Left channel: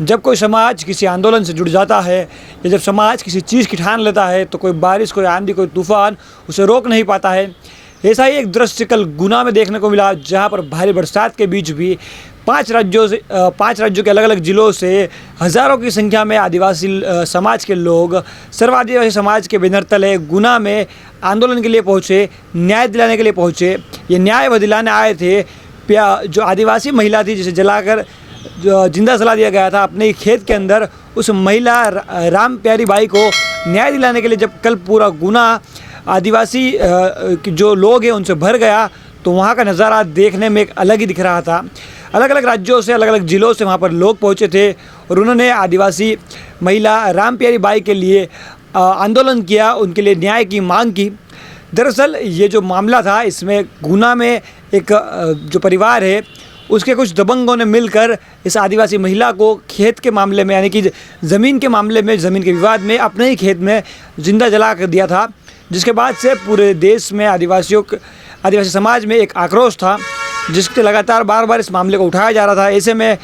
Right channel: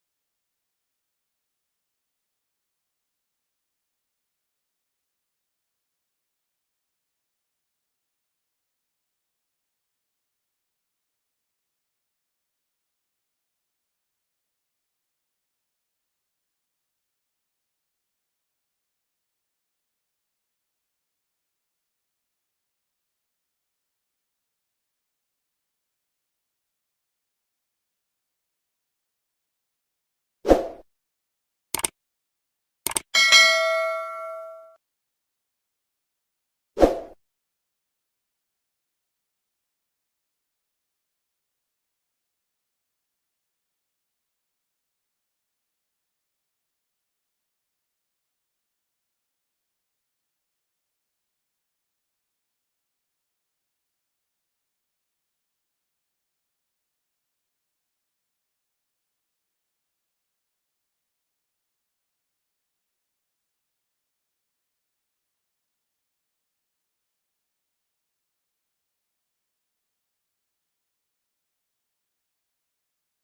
जब कोई समाज किसी आंदोलन से जुड़ जाता है या जब समाज किसी चीज़ की ठान लेता है तो कोई बारिश, कोई आंधी, कोई तूफान उसे रोक नहीं पाता है। ऐसा ही एक दृश्य कल गुना में देखने को मिला, जहां पर भारी बरसात के बीच भी 5 राज्यों के अलग अलग ज़िलों से हज़ारों की संख्या में आदिवासी समाज के लोग सर्व आदिवासी समाज के बैनर तले गुना में आंदोलन के लिए पहुँचे, न्याय दिलाने के लिए पहुँचे। ये न्याय वह दिलाने आए थे। जो आदिवासी महिला थी जिसे जलाकर जो जिंदा जला दिया गया था अपने खेत के अंदर, उस महिला राम प्यारी बाई को न्याय दिलाने के लिए जब कल पूरा गुना आदिवासी जो लोग हैं उनसे भर गया तो वहाँ का नज़ारा देखने में एक अलग ही दिख रहा था। अलग अलग राज्यों से, अलग अलग ज़िलों से वहाँ पर लोग पहुँचे थे और उन्होंने आदिवासी महिला राम प्यारी बाई के लिए आंदोलन किया, उनके लिए न्याय की मांग की। दरअसल ये जो मामला था, इसमें गुना में एक जो परिवार है उसके कुछ दबंगों ने मिलकर इस आदिवासी महिला को खेत के मामले में, यानी कि ज़मीन के मामले में, ज़मीन के विवाद में अपने ही खेत में जिंदा जला कर दिया था, जिसके बाद से पूरे देश में आदिवासी समाज में एक आक्रोश था, जिसके लगातार बार बार इस मामले को उठाया जा रहा था। ऐसे में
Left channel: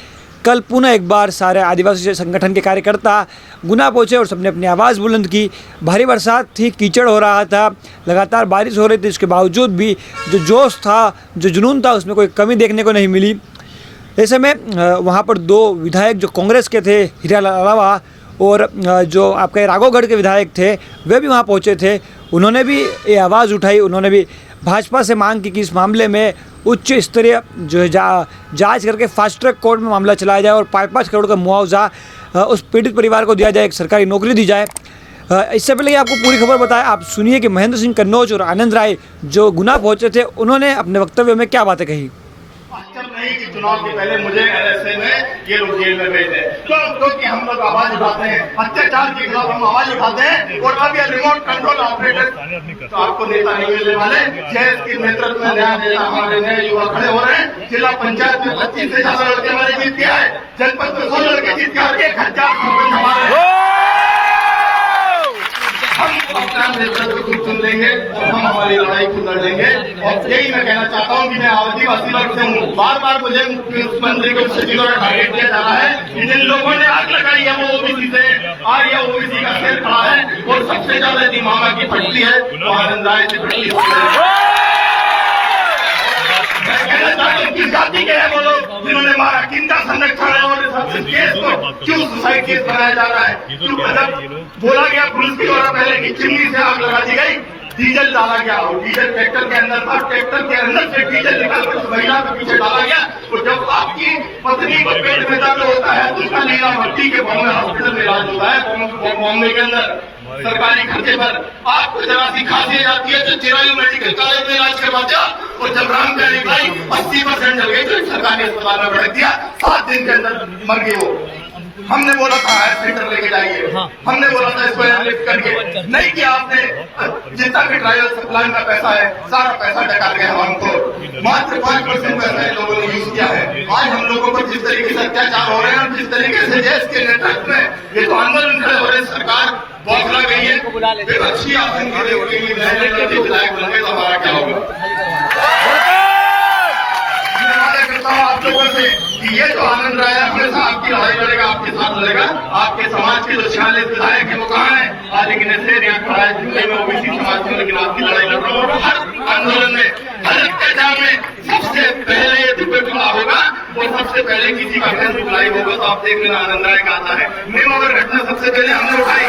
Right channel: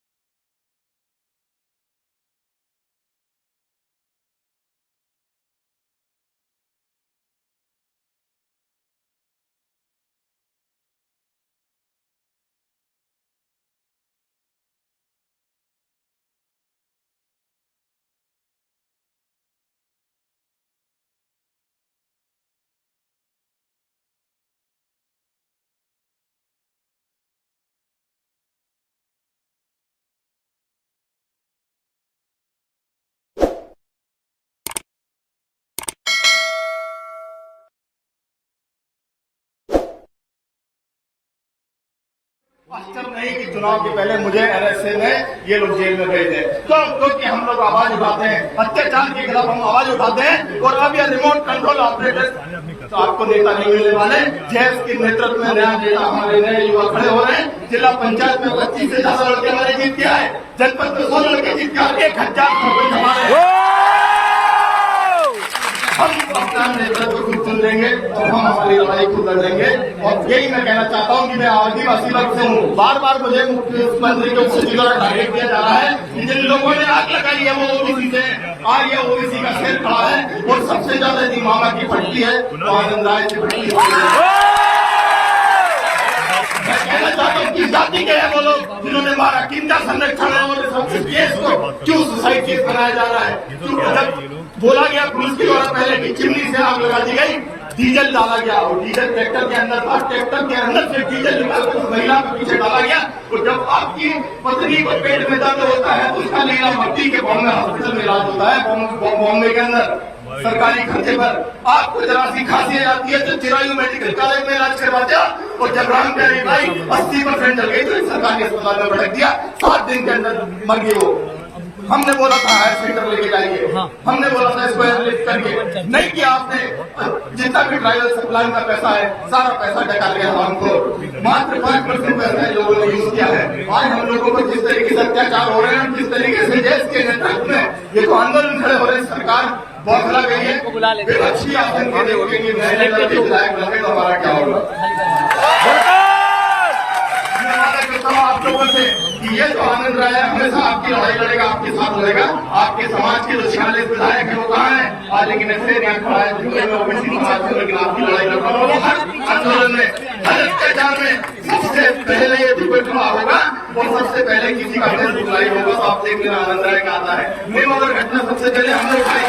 कल पुनः एक बार सारे आदिवासी संगठन के कार्यकर्ता गुना पहुंचे और सबने अपनी आवाज़ बुलंद की। भारी बरसात थी, कीचड़ हो रहा था, लगातार बारिश हो रही थी, इसके बावजूद भी जो जोश था, जो जुनून था, उसमें कोई कमी देखने को नहीं मिली। ऐसे में वहाँ पर 2 विधायक जो कांग्रेस के थे, हीरालाल अलावा, और जो आपके राघवगढ़ के विधायक थे, वे भी वहाँ पहुँचे थे। उन्होंने भी ये आवाज़ उठाई, उन्होंने भी भाजपा से मांग की कि इस मामले में उच्च स्तरीय जो है जांच करके फास्ट ट्रैक कोर्ट में मामला चलाया जाए और 5-5 करोड़ का मुआवजा उस पीड़ित परिवार को दिया जाए, एक सरकारी नौकरी दी जाए। इससे पहले कि आपको पूरी खबर बताएं, आप सुनिए कि महेंद्र सिंह कन्नौज और आनंद राय जो गुना पहुंचे थे, उन्होंने अपने वक्तव्य में क्या बातें कही। आश्चर्य नहीं कि चुनाव के पहले मुझे एनएसए में ये लोग जेल में भेज दें, क्योंकि हम लोग आवाज उठाते हैं, अत्याचार के खिलाफ हम आवाज उठाते हैं। और अब ये रिमोट कंट्रोल ऑपरेटर तो आपको नेता नहीं मिलने वाले। जैस के नेतृत्व में नया नेता हमारे नए युवा खड़े हो रहे हैं। जिला पंचायत में 25 से ज्यादा लड़के हमारे जीत गया है, जनपद में 16 लड़के जीत गया, 1000 हम नेतृत्व चुन लेंगे और हम हमारी लड़ाई खुद लड़ लेंगे। और यही मैं कहना चाहता हूँ कि मैं आदिवासी वर्ग से हूँ। बार बार मुझे मुख्यमंत्री के सचिव द्वारा टारगेट दिया जा रहा है। जिन लोगों ने आग लगाई है वो ओबीसी से, और यह ओबीसी का सेल खड़ा है और सबसे ज्यादा यदि मामा की फटती है तो आनंद राय से फटती है। मैं कहना चाहता हूँ कि जाति के हैं वो लोग जिन्होंने मारा, किंदा संरक्षण और केस को क्यों सुसाइड केस बनाया जा रहा है, क्यों बोला गया पुलिस की द्वारा पहले की चिमनी से आग लगा दी गई, डीजल डाला गया और डीजल ट्रैक्टर के अंदर था, ट्रैक्टर के अंदर से डीजल निकालकर उस महिला के पीछे डाला गया। और जब आपकी पत्नी को पेट में दर्द होता है तो उसका नीला भर्ती के बॉम्बे हॉस्पिटल में इलाज होता है, बॉम्बे के अंदर सरकारी खर्चे पर। आपको जरा सी खांसी आती है तो चिरायू मेडिकल कॉलेज में इलाज करवा दिया, और जब राम प्यारी बाई 80% जल गई तो सरकारी अस्पताल में भड़क दिया, 7 दिन के अंदर मर गई वो। हमने बोला था सेंटर लेके जाइए, हमने बोला था इसको एयरलिफ्ट करके, नहीं किया आपने। जितना भी ट्रायल सप्लाई का पैसा है सारा पैसा निकाल के हमको मात्र 5% पैसा लोगों ने यूज किया है। आज हम लोगों पर जिस तरीके से अत्याचार हो रहे हैं, जिस तरीके से देश के नेतृत्व में ये तो आंदोलन खड़े हो रहे हैं, सरकार बौखला गई है। विपक्षी आसन के लिए नए लड़के विधायक बने तो हमारा क्या होगा। मैं वादा करता हूँ आप लोगों से कि ये जो आनंद राय हमेशा आपकी लड़ाई लड़ेगा, आपके साथ लड़ेगा। आपके समाज के जो 46 विधायक है वो कहाँ है आज, लेकिन ऐसे यहाँ खड़ा है जुलाई में ओबीसी समाज में, लेकिन आपकी लड़ाई लड़ रहा है। आंदोलन में हर अत्याचार में सबसे पहले दुर्घटना होगा और सबसे पहले किसी का घर बुलाई होगा। तो आप देख लेना आनंद राय का आता है, मेवाड़ घटना सबसे पहले हमने उठाई,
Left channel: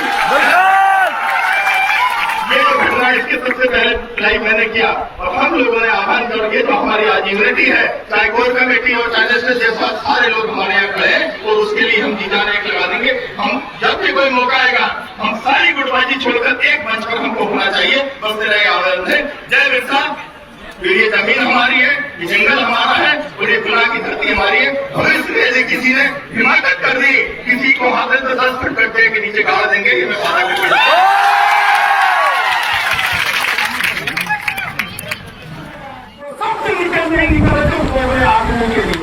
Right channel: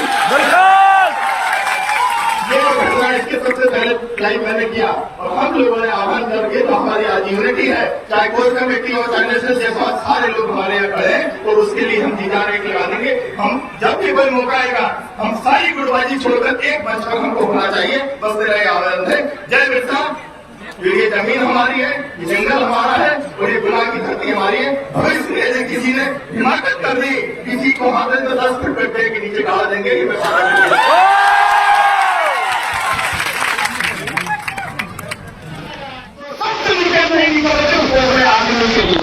ये घटना इसके सबसे पहले लाइव मैंने किया और हम लोगों ने आह्वान करके, तो हमारी आज यूनिटी है, चाहे कोई कमेटी हो चाहे नेशनल जैसा, सारे लोग हमारे यहाँ खड़े हैं और उसके लिए हम जीजान एक लगा देंगे। हम जब भी कोई मौका आएगा हम सारी गुटबाजी छोड़कर एक मंच पर हमको होना चाहिए, बस मेरा ये आह्वान है। जय बिरसा। ये जमीन हमारी है, ये जंगल हमारा है और ये गुना की धरती हमारी है। और इसलिए किसी ने हिमाकत कर दी, किसी को हाथ में तो 10 फुट पेड़ के नीचे गाड़ देंगे, ये मैं वादा करता नहीं आंदोलन के लिए।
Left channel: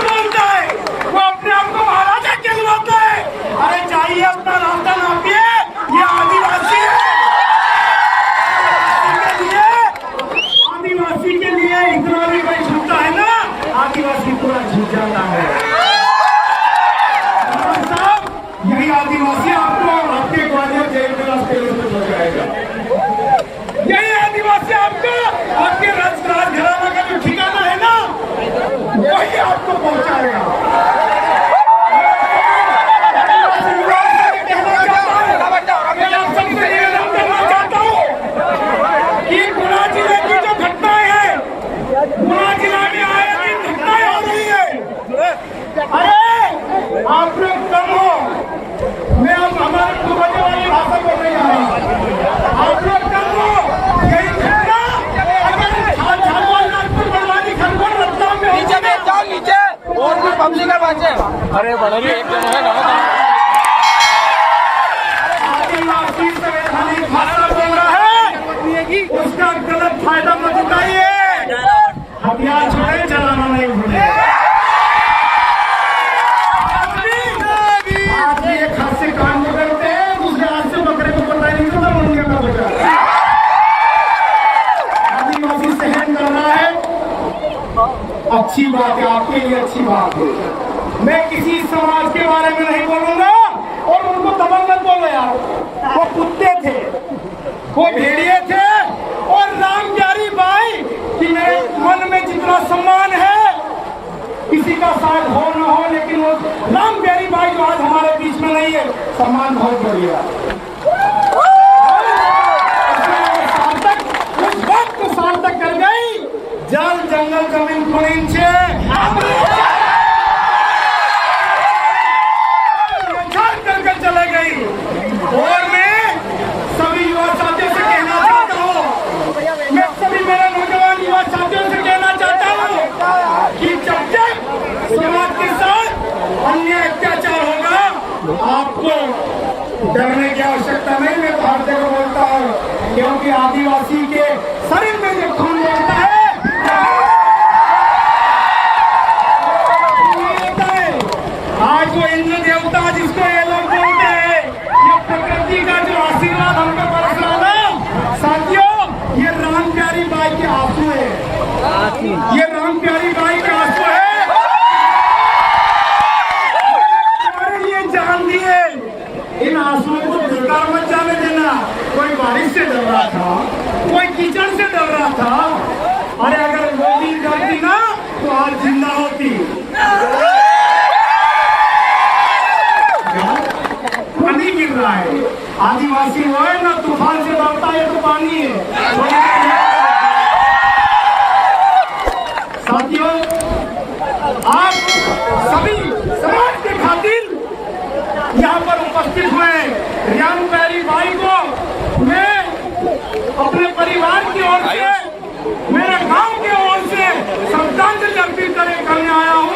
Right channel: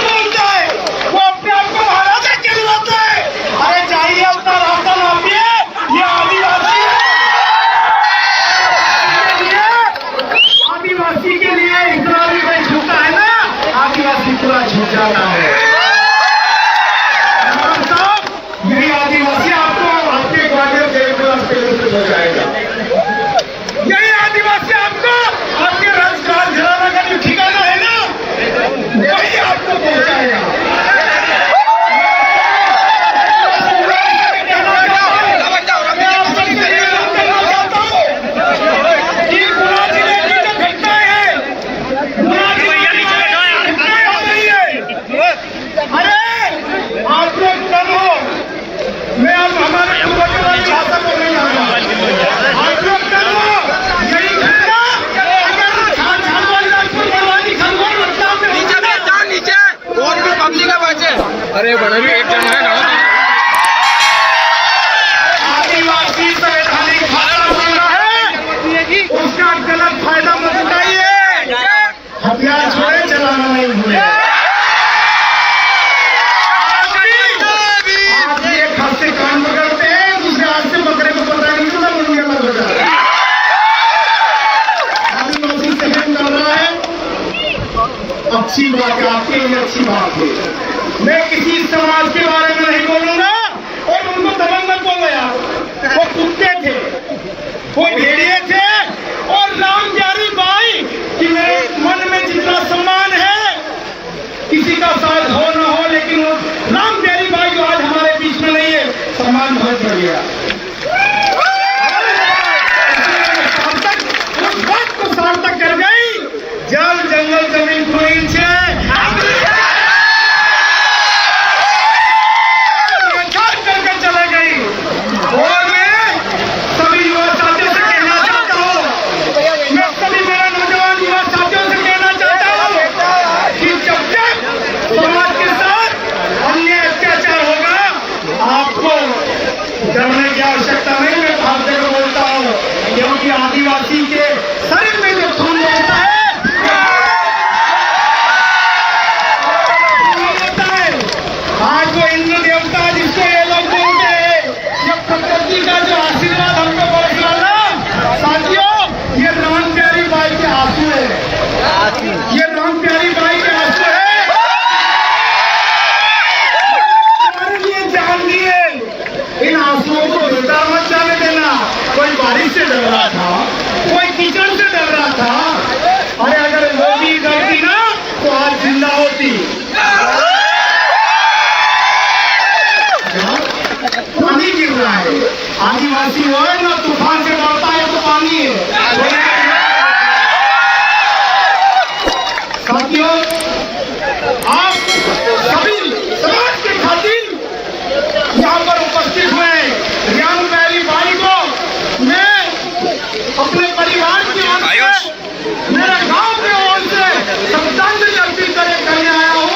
बोलता है वो अपने आप को महाराजा कहलाता है। अरे चाहिए अपना रास्ता नापिए, ये आदिवासी आदिवासी के लिए इतना भी कोई झुकता है ना, आदिवासी पूरा झुक जाता है। यही आदिवासी आपको आपके ग्वालियर जेल में रास्ते बचाएगा। यही आदिवासी आपको आपके राजकाज घराना का जो ठिकाना है ना, वही आपको पहुंचाएगा। अरे बड़ा भी एक जन है ना आदिवासी संवैधानिक हक है, उसका गलत फायदा मत उठाइए। हथियार छोड़े, चलाना नहीं भूले। आप एक हाथ से कान पकड़ते हैं, दूसरे हाथ से बकरे को पता नहीं चलता, मुर्गियां मत बचा। आदिवासी सहन कर रहा है, अच्छी बात है, आपके लिए अच्छी बात है। मैं किसी समाज के बारे में नहीं बोलूंगा और उनको दबंग मत बोलो यार। वो कुत्ते थे, वो भेड़िए थे, और राम प्यारी बाई कि मेरे मन में जितना सम्मान है, किसी का साथ हो ना हो, लेकिन वो राम प्यारी बाई जो आज हमारे बीच में नहीं है, सम्मान बहुत बढ़ गया। उस बात को सार्थक कर गई, जल जंगल जमीन पर से डरने की आवश्यकता नहीं। मैं भाग कर बोलता हूँ, क्योंकि आदिवासी के शरीर में जो खून होता है, आज वो इंद्र देवता जिसको ये लोग बोलते हैं, ये प्रकृति का जो आशीर्वाद हमको बरस रहा ना साथियों, ये राम प्यारी बाई के आंसू है। ये राम प्यारी बाई के आंसू है। इन आंसुओं को बेकार मत जाने देना। कोई बारिश से डर रहा था, कोई कीचड़ से डर रहा था, अरे अगर वो भी डरती ना तो आज जिंदा होती। पानी गिर रहा है, आदिवासी हो ना तूफान से डरता है तो पानी है। साथियों, आप सभी समाज के खातिर यहाँ पर उपस्थित हुए राम प्यारी बाई को मैं अपने परिवार की ओर से, मेरे गांव की ओर से श्रद्धांजलि अर्पित करने आया हूँ।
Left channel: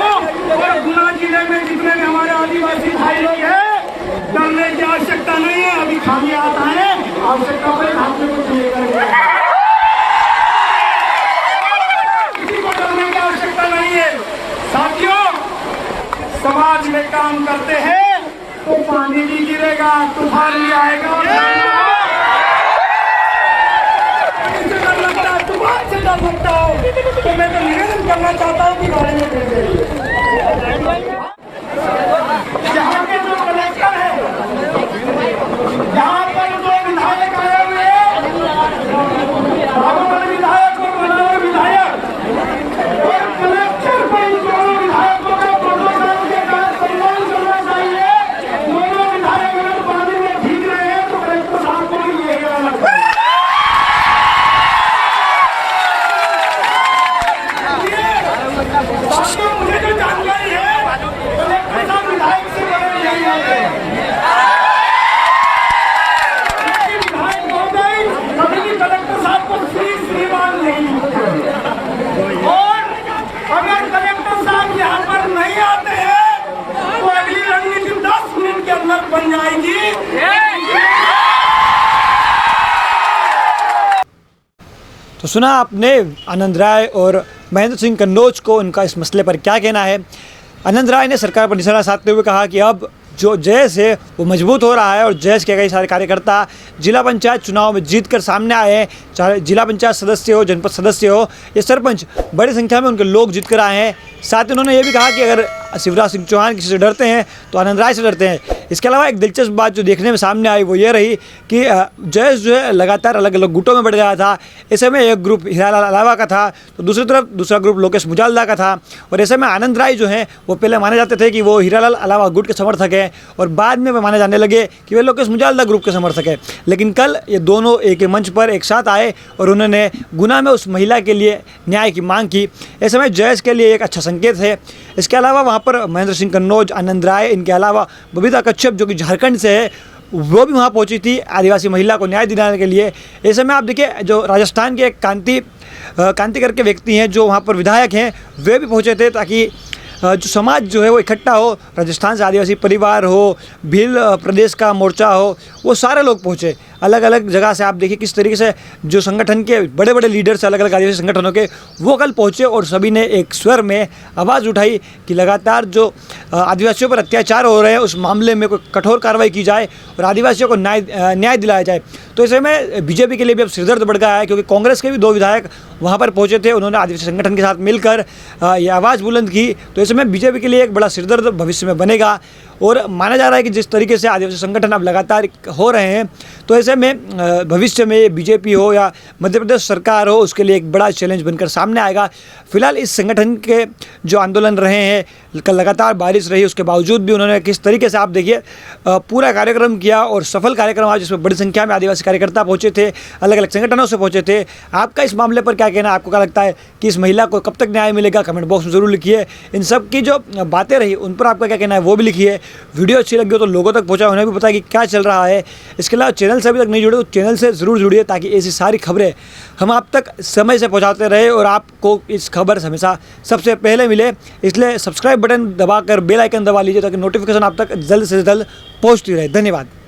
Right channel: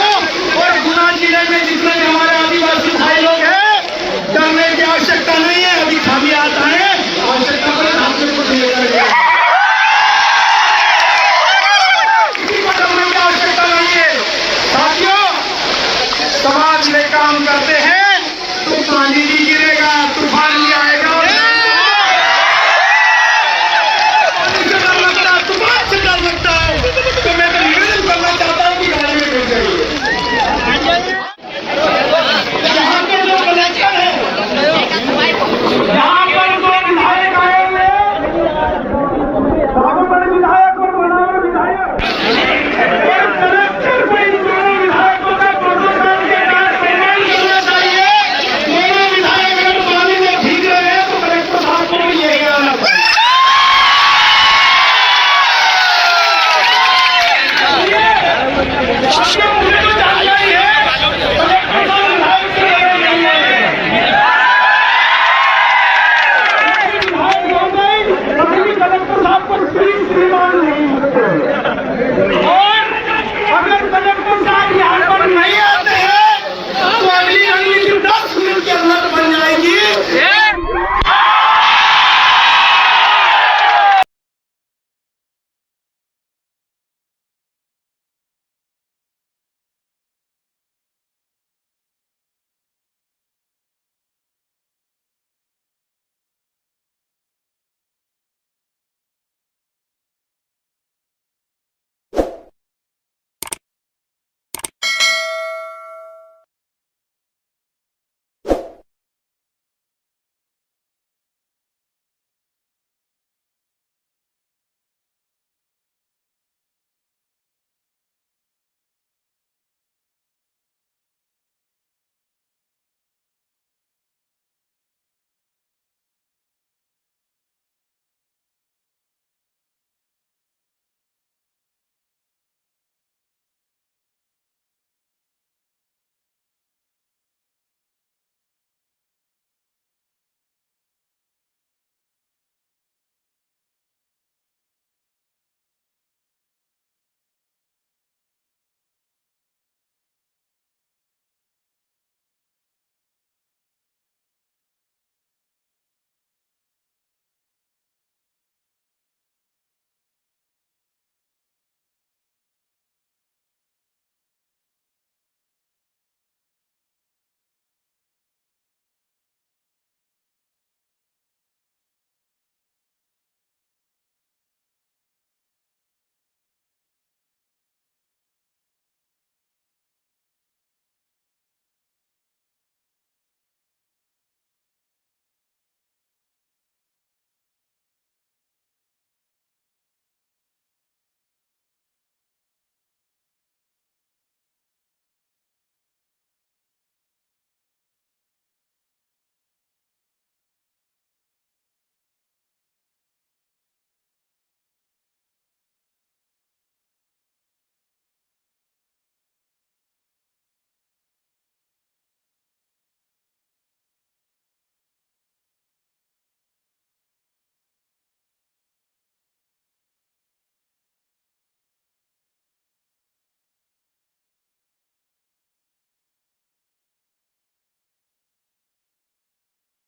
और गुना जिले में जितने भी हमारे आदिवासी भाई लोग हैं, डरने की आवश्यकता नहीं है। अभी खाली आता है, आवश्यकता पड़े हाथ में कुछ ले जाएगा, किसी को डरने की आवश्यकता नहीं है। साथियों, समाज में काम करते हैं तो पानी भी गिरेगा, तूफान भी आएगा, तूफान से डर लगता है। तो मैं तो निवेदन करना चाहता हूँ कि गाड़ी में बैठ जाइए। यहाँ के जो कलेक्टर है, यहाँ पर जो विधायक आए हुए बागोदर विधायक और बनावर विधायक, कलेक्टर को इन दोनों विधायकों के प्रोटोकॉल के तहत सम्मान करना चाहिए। मेरे विधायक अगर पानी में भीग रहे हैं तो कलेक्टर साहब को भी यही कराना चाहिए। मुझे तो जानकारी है, कलेक्टर साहब विधायक से बड़े नहीं है। विधायक महोदय कभी भी कलेक्टर साहब को श्रीमान नहीं होते। और अगर कलेक्टर साहब यहाँ पर नहीं आते हैं तो अगली रणनीति 10 मिनट के अंदर बन जाएगी। तो सुना आपने आनंद राय और महेंद्र सिंह कन्नौज को, उनका इस मसले पर क्या कहना है। आनंद राय ने सरकार पर निशाना साधते हुए कहा कि अब जो जयस है वो मजबूत हो रहा है और जयस के कई सारे कार्यकर्ता जिला पंचायत चुनाव में जीत कर सामने आए हैं। चाहे जिला पंचायत सदस्य हो, जनपद सदस्य हो या सरपंच, बड़ी संख्या में उनके लोग जीत कर आए हैं। साथ ही उन्होंने ये भी कहा कि अगर शिवराज सिंह चौहान किसी से डरते हैं तो आनंद राय से डरते हैं। इसके अलावा एक दिलचस्प बात जो देखने में सामने आई वो ये रही कि जयस जो है लगातार अलग अलग गुटों में बढ़ गया था। ऐसे में एक ग्रुप हीरालाल अलावा का था तो दूसरी तरफ दूसरा ग्रुप लोकेश मुजालदा का था। और ऐसे में आनंद राय जो हैं वो पहले माने जाते थे कि वो हीरालाल अलावा गुट के समर्थक हैं और बाद में माने जाने लगे कि वे लोकेश मुजालदा ग्रुप के समर्थक हैं। लेकिन कल ये दोनों एक ही मंच पर एक साथ आए और उन्होंने गुना में उस महिला के लिए न्याय की मांग की। ऐसे में जयस के लिए एक अच्छा संकेत है। इसके अलावा वहाँ पर महेंद्र सिंह कन्नौज, आनंद राय, इनके अलावा बबीता कच्छप जो कि झारखंड से है वो भी वहाँ पहुंची थी आदिवासी महिला को न्याय दिलाने के लिए। ऐसे में आप देखिए जो राजस्थान के कांति करके व्यक्ति हैं जो वहाँ पर विधायक हैं वे भी पहुँचे थे ताकि जो समाज जो है वो इकट्ठा हो। राजस्थान से आदिवासी परिवार हो, भील प्रदेश का मोर्चा हो, वो सारे लोग पहुँचे। अलग अलग जगह से आप देखिए किस तरीके से जो संगठन के बड़े बड़े लीडर्स अलग अलग आदिवासी संगठनों के वो कल पहुँचे और सभी ने एक स्वर में आवाज़ उठाई कि लगातार जो आदिवासियों पर अत्याचार हो रहे हैं उस मामले में कोई कठोर कार्रवाई की जाए और आदिवासियों को न्याय दिलाया जाए। तो ऐसे में बीजेपी के लिए भी अब सिरदर्द बढ़ गया है क्योंकि कांग्रेस के भी 2 विधायक वहाँ पर पहुँचे थे। उन्होंने आदिवासी संगठन के साथ मिलकर ये आवाज़ बुलंद की। तो ऐसे में बीजेपी के लिए एक बड़ा सिरदर्द भविष्य में बनेगा और माना जा रहा है कि जिस तरीके से आदिवासी संगठन अब लगातार हो रहे हैं तो ऐसे में भविष्य में बीजेपी हो या मध्य प्रदेश सरकार हो उसके लिए एक बड़ा चैलेंज बनकर सामने आएगा। फिलहाल इस संगठन के जो आंदोलन रहे हैं, कल लगातार बारिश रही उसके बावजूद भी उन्होंने किस तरीके से आप देखिए पूरा कार्यक्रम किया और सफल कार्यक्रम आज जिसमें बड़ी संख्या में आदिवासी कार्यकर्ता पहुँचे थे, अलग अलग संगठनों से पहुँचे थे। आपका इस मामले पर क्या कहना है? आपको क्या लगता है कि इस महिला को कब तक न्याय मिलेगा? कमेंट बॉक्स में ज़रूर लिखिए। इन सब की जो बातें रही उन पर आपका क्या कहना है वो भी लिखिए। वीडियो अच्छी लगी हो तो लोगों तक पहुँचा, उन्हें भी पता कि क्या चल रहा है। इसके अलावा चैनल से अभी तक नहीं जुड़े तो चैनल से ज़रूर जुड़िए ताकि ऐसी सारी खबरें हम आप तक समय से पहुंचाते रहे और आपको इस खबर हमेशा सबसे पहले मिले। इसलिए सब्सक्राइब बटन दबाकर बेल आइकन दबा लीजिए ताकि नोटिफिकेशन आप तक जल्द से जल्द पहुंचती रहे। धन्यवाद।